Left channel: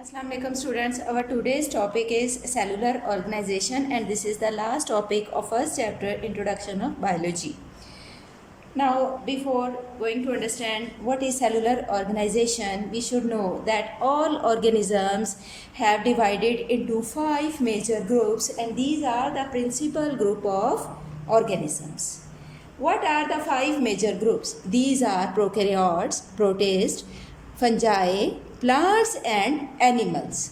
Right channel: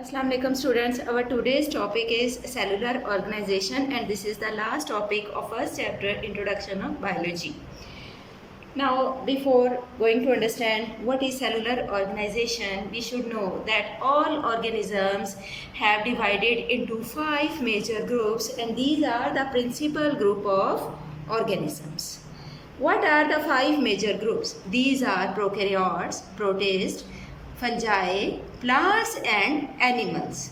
Assalamu alaikum students. Our today's topic is cellular organization and this is the last topic of first chapter introduction of biology. Now before going to understand what is cellular organization, we should know that all organisms have divided into 5 major groups and these are the principal group of organisms. What are the 5 major groups? These are prokaryotes, protists, fungi, plants and animals.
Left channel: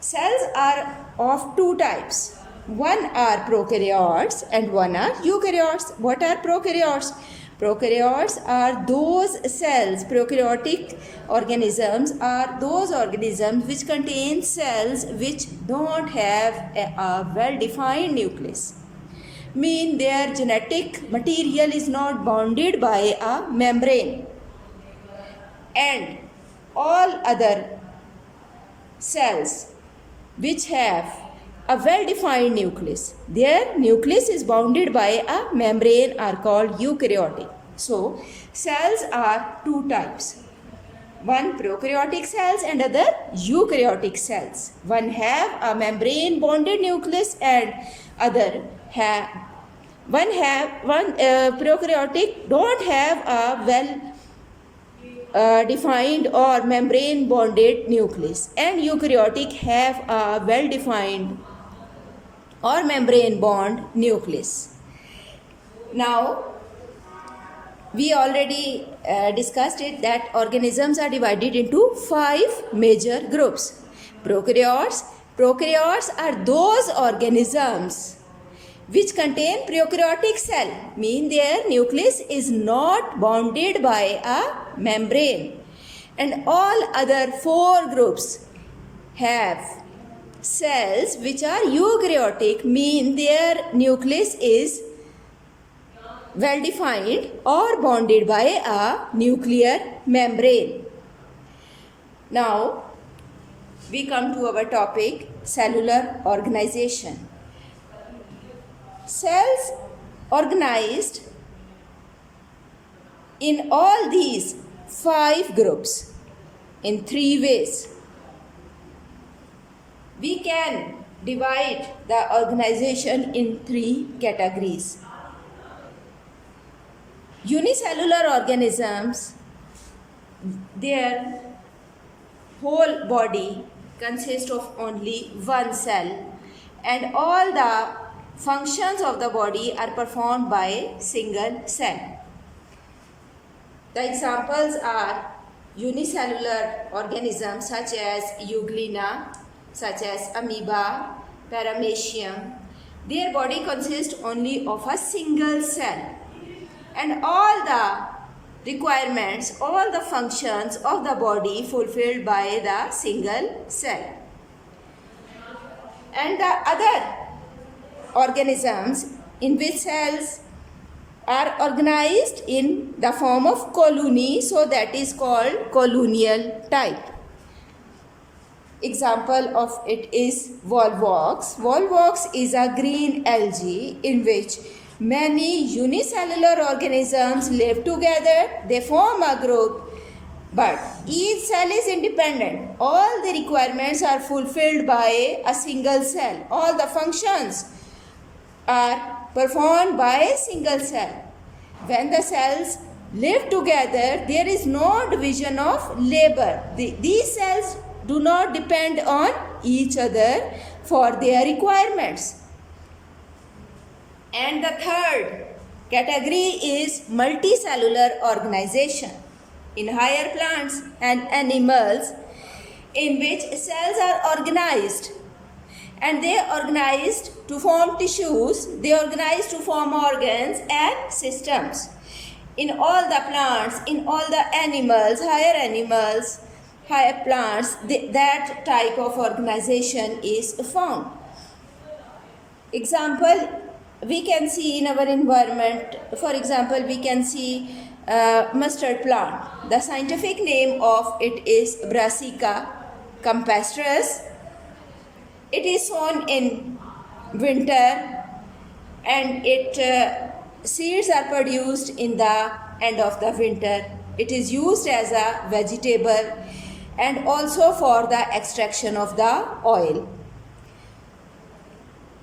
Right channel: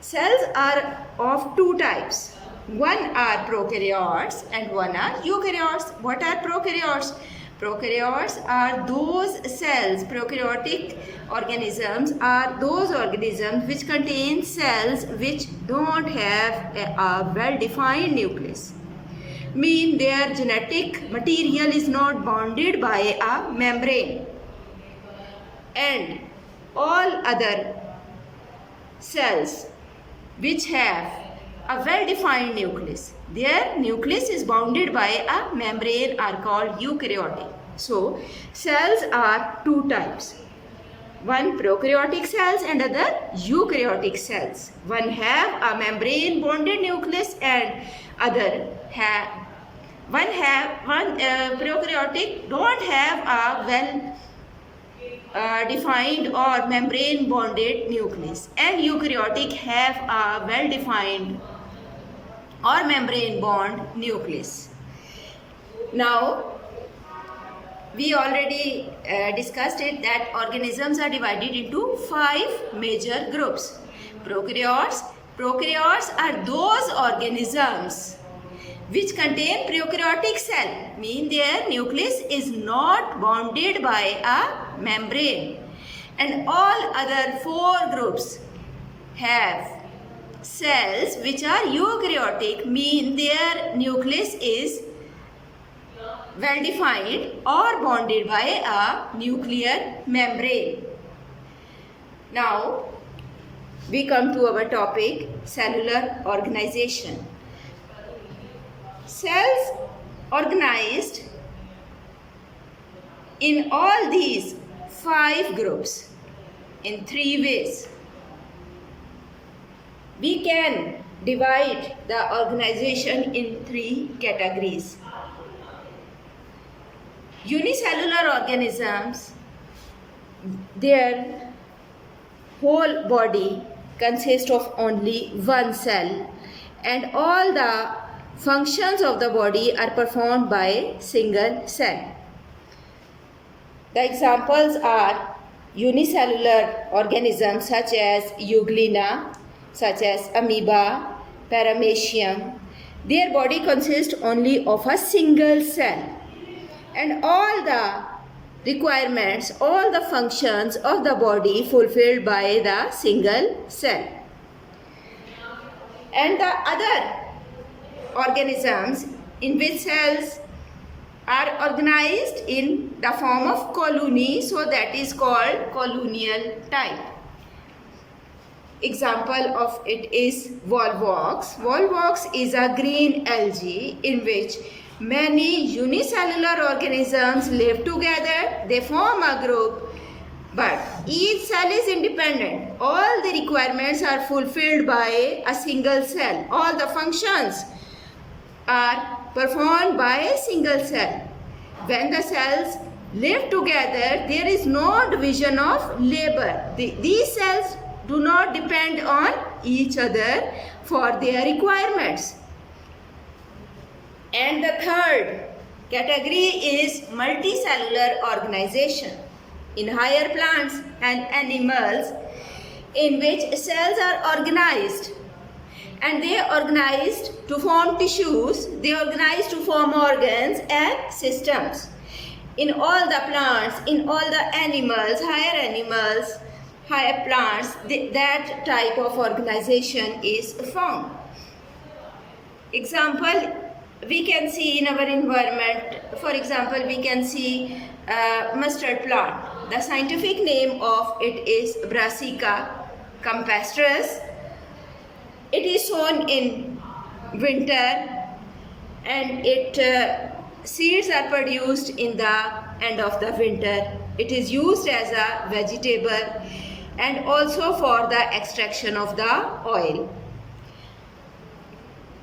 Cells are of two types. One are prokaryotes and one are eukaryotes. What are prokaryotes? Prokaryotes are those cells, prokaryotic organisms are those organisms which contain cells which don't have a well-defined nucleus. Mean their genetic material is not bounded by a membrane. And all other cells which have a well-defined nucleus, their nucleus is bounded by a membrane are called eukaryotic. So, cells are two types. One prokaryotic cells and other eukaryotic cells. One have a membrane bonded nucleus and other have prokaryotic don't have a well defined or membrane bonded nucleus and eukaryotic have a well defined or membrane bond nucleus. Now we already discussed it that organisms are divided into 5 major groups. Prokaryotes are those organisms which contain prokaryotic cell, mean their nucleus is not bounded by a membrane. And all other 4 groups have cells which are eukaryotic, mean their nucleus is well defined or bonded by a nuclear membrane. Now we come to our topic, cellular organization. Cells organized in all these 5 groups in 3 ways. We can divide the organization in 3 categories. Unicellular organisms, their whole body consists of only one cell and all the functions of the body are performed by a single cell. The examples are unicellular organisms such as Euglena, such as amoeba, paramecium. Their body consists only of a single cell and all the requirements, all the functions of the body fulfilled by the single cell. And the other organisms in which cells are organized in the form of colony, so that is called colonial type. Example of it is Volvox. Volvox is a green algae in which many unicellular organisms live together. They form a group, but each cell is independent. All the requirements are fulfilled by a single cell. All the functions are performed by a single cell. When the cells live together, there is no division of labor. These cells do not depend on each other for their requirements. And the third category is multicellular organization in higher plants and animals in which cells are organized. And they are organized to form tissues, they are organized to form organs and systems. In all the plants, in all the animals, higher plants, that type of organization is found. Example, we can see in our environment, for example, we can see mustard plant. The scientific name of it is Brassica campestris. It is sown in winter and seeds are produced in the end of the winter. It is used as a vegetable and also for the extraction of the oil.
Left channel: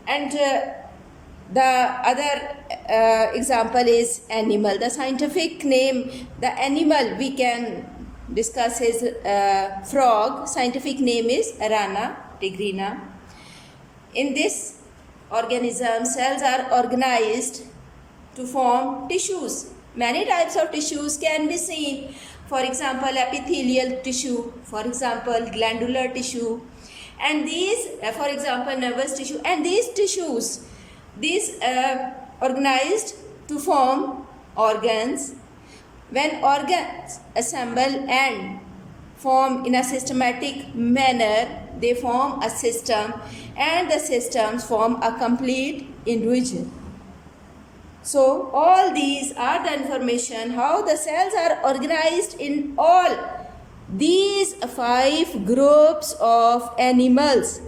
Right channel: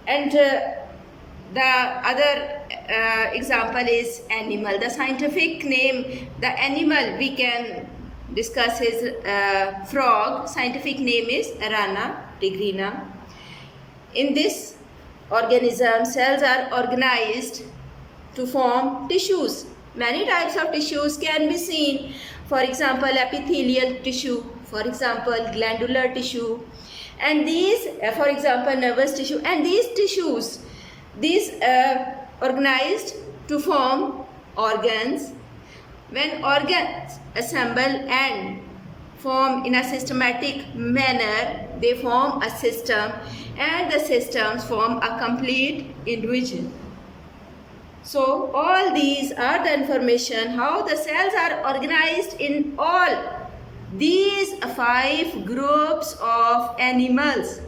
And the other example is animal. The scientific name, the animal we can discuss is frog. Scientific name is Rana tigrina. In this organism, cells are organized to form tissues. Many types of tissues can be seen. For example, epithelial tissue, for example, glandular tissue, and these, for example, nervous tissue, and these tissues, these organized to form organs. When organs assemble and form in a systematic manner, they form a system, and the systems form a complete individual. So all these are the information how the cells are organized in all these 5 groups of animals.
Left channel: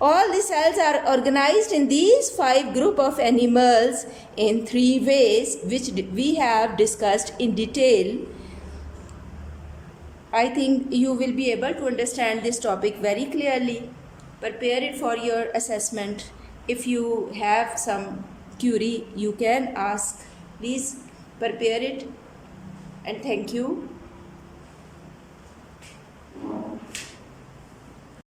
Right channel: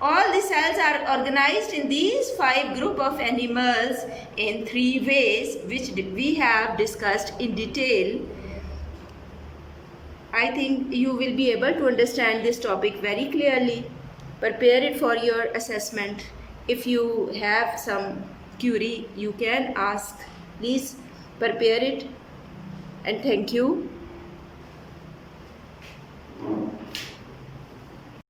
All the cells are organized in these 5 group of animals in 3 ways, which we have discussed in detail. I think you will be able to understand this topic very clearly. Prepare it for your assessment. If you have some query, you can ask. Please prepare it, and thank you.